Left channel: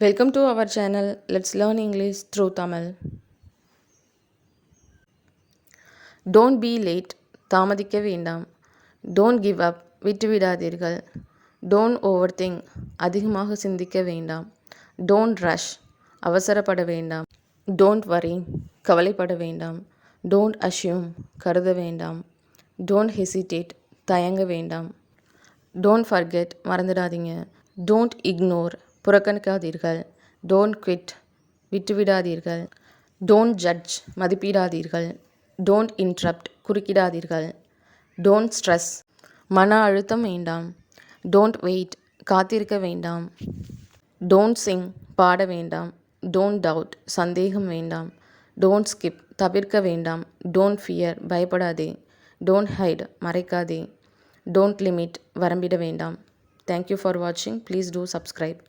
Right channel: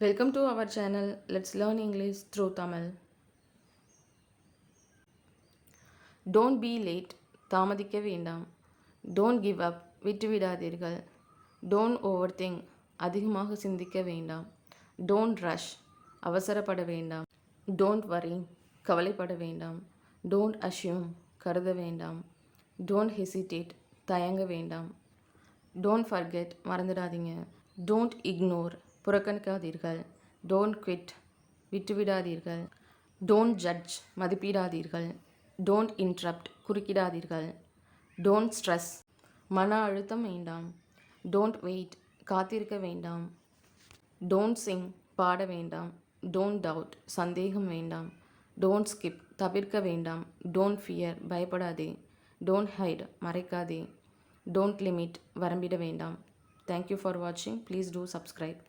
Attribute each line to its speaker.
Speaker 1: welcome to our channel let's learn English through Tamil don't be late தாமதிக்க வேண்டாம் don't give up விட்டுவிடாதீர்கள் don't overthink அதிகமாக சிந்திக்க வேண்டாம் don't rush அவசரப்பட வேண்டாம் டோன்ட் வரி கவலைப்பட வேண்டாம் டோன்ட் அஷ்யூம் கருத வேண்டாம் டோன்ட் ஹெசிடேட் தயங்க வேண்டாம் டோன்ட் ஃபர்கெட் மறந்துடாதீங்க டோன்ட் இக்னோர் புறக்கணிக்காதீர்கள் டோன்ட் குவிட் விட்டுவிடாதீர்கள் டோன்ட் ஜட்ஜ் மதிப்பிடாதீர்கள் டோன்ட் இன்ட்ரப்ட் குறுக்கிடாதீர்கள் டோன்ட் ஸ்ட்ரெஸ் மன அழுத்தம் வேண்டாம் டோன்ட் வெயிட் காத்திருக்க வேண்டாம் டோன்ட் சிங் பாட வேண்டாம் டோன்ட் டவுட் சந்தேகம் வேண்டாம் டோன்ட் ஸ்கிப் தவிர்க்க வேண்டாம் டோன்ட் ஃபியர் பயப்படாதே டோன்ட் ஹைட் மறைக்காதே டோன்ட் லிமிட் வரம்பிட வேண்டாம் தேங்க்யூ ஃபார் வாட்சிங் ப்ளீஸ் டூ சப்ஸ்கிரைப்